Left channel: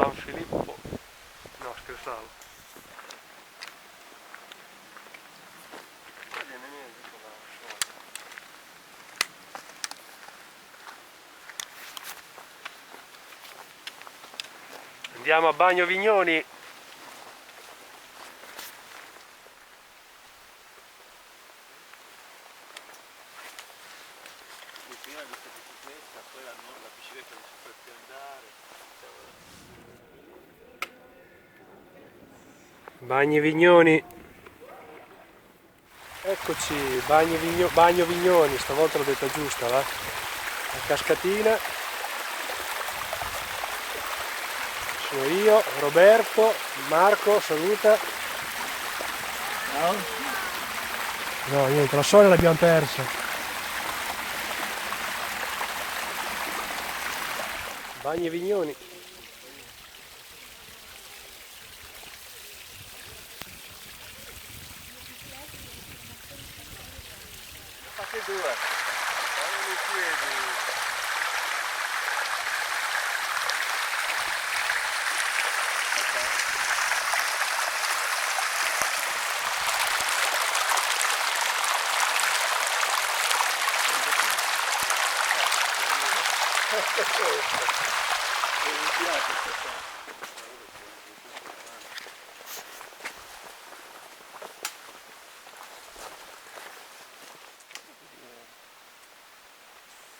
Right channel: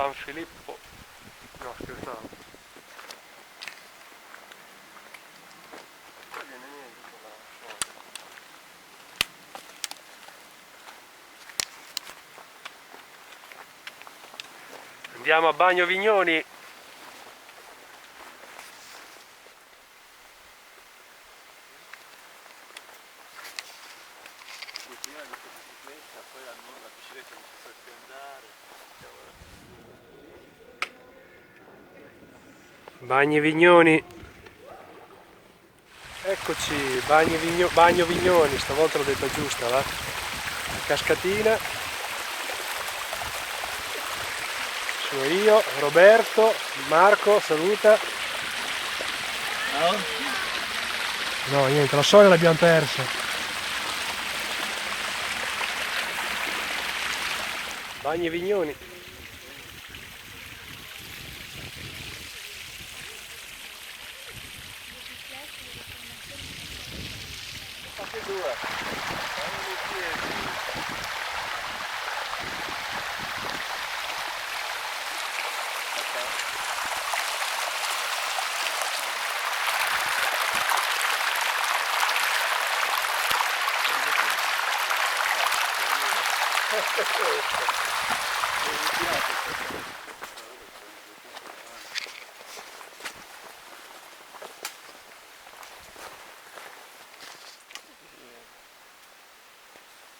San Filippo. No, scherzavo. Andiamo a Bagno Vignoni. Prima di questa bicicletta, poi la bicicletta non si può più andare. Bagni Vignoni. Eccoci, Bagno Vignoni, stavolta l'ho detta giusta, va? La cascatina. Sono io, Roberto, Marco, saluta. No? No, niente, la soglia l'abbiamo persa. Bagni Vignoni. Fate due. Fanno i piedi.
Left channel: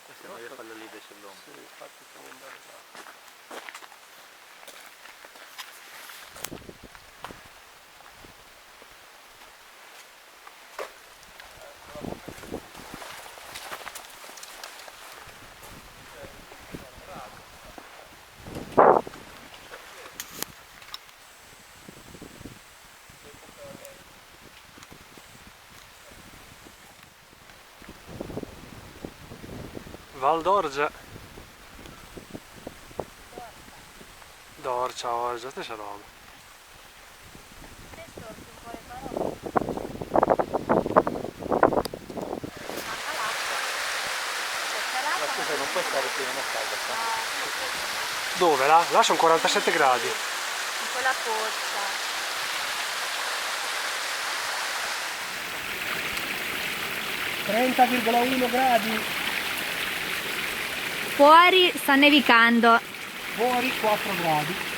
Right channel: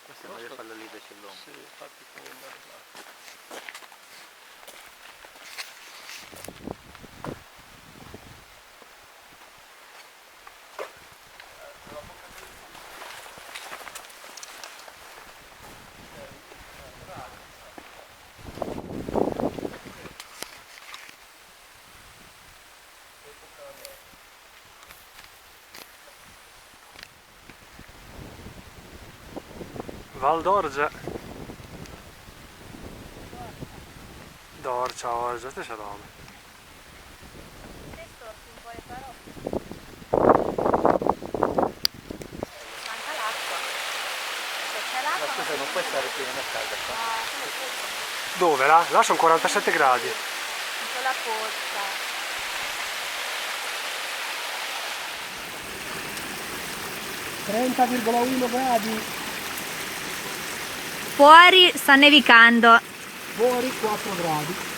Questa è meglio farla lì invece l'uomo. Sì, infatti come andare là. Val d'Orgia. Dorcia, Orgia, stessa roba. Te storti un po' le parole. Manca l'acqua. C'è Ma l'acqua. scusa, non puoi stare qui, non è calda qua. Dove là? Là sono 47 gradi. In quella pozza. 30,1 gradi. Fuori sta nevicando. Fuori 4 gradi.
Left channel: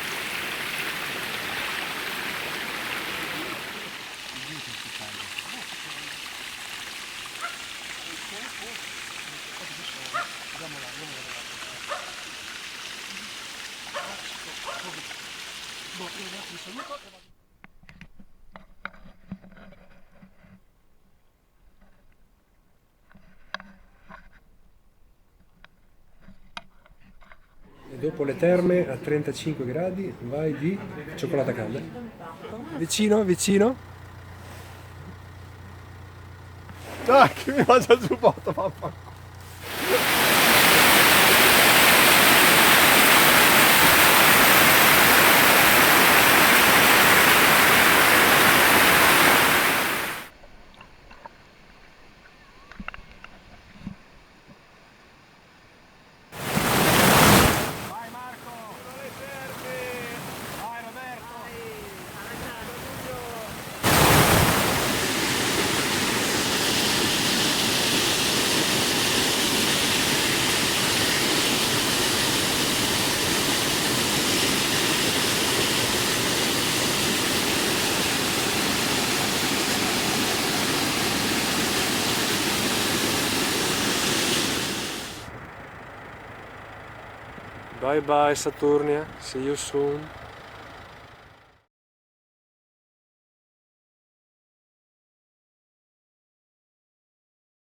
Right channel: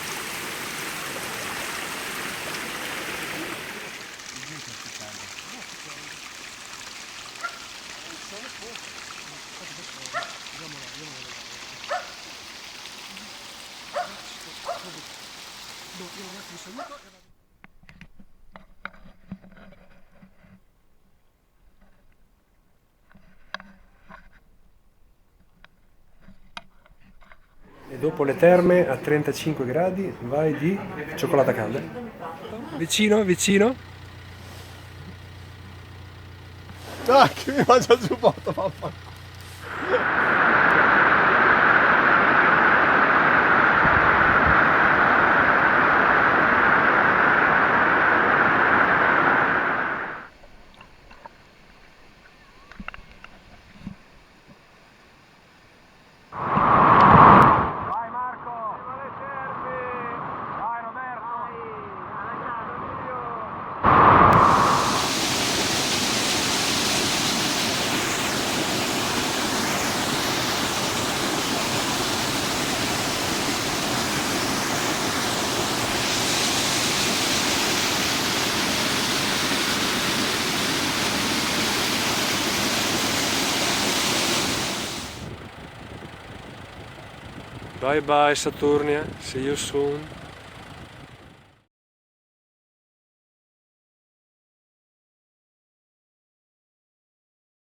E dopo le terme a 35 gradi vai di cioccolata calda. Vicino, vicino. Dai, che mi mangia il giubbotto, papà. Vai Marco! Vai Roberto! Bye bye Saturnia, see you soon.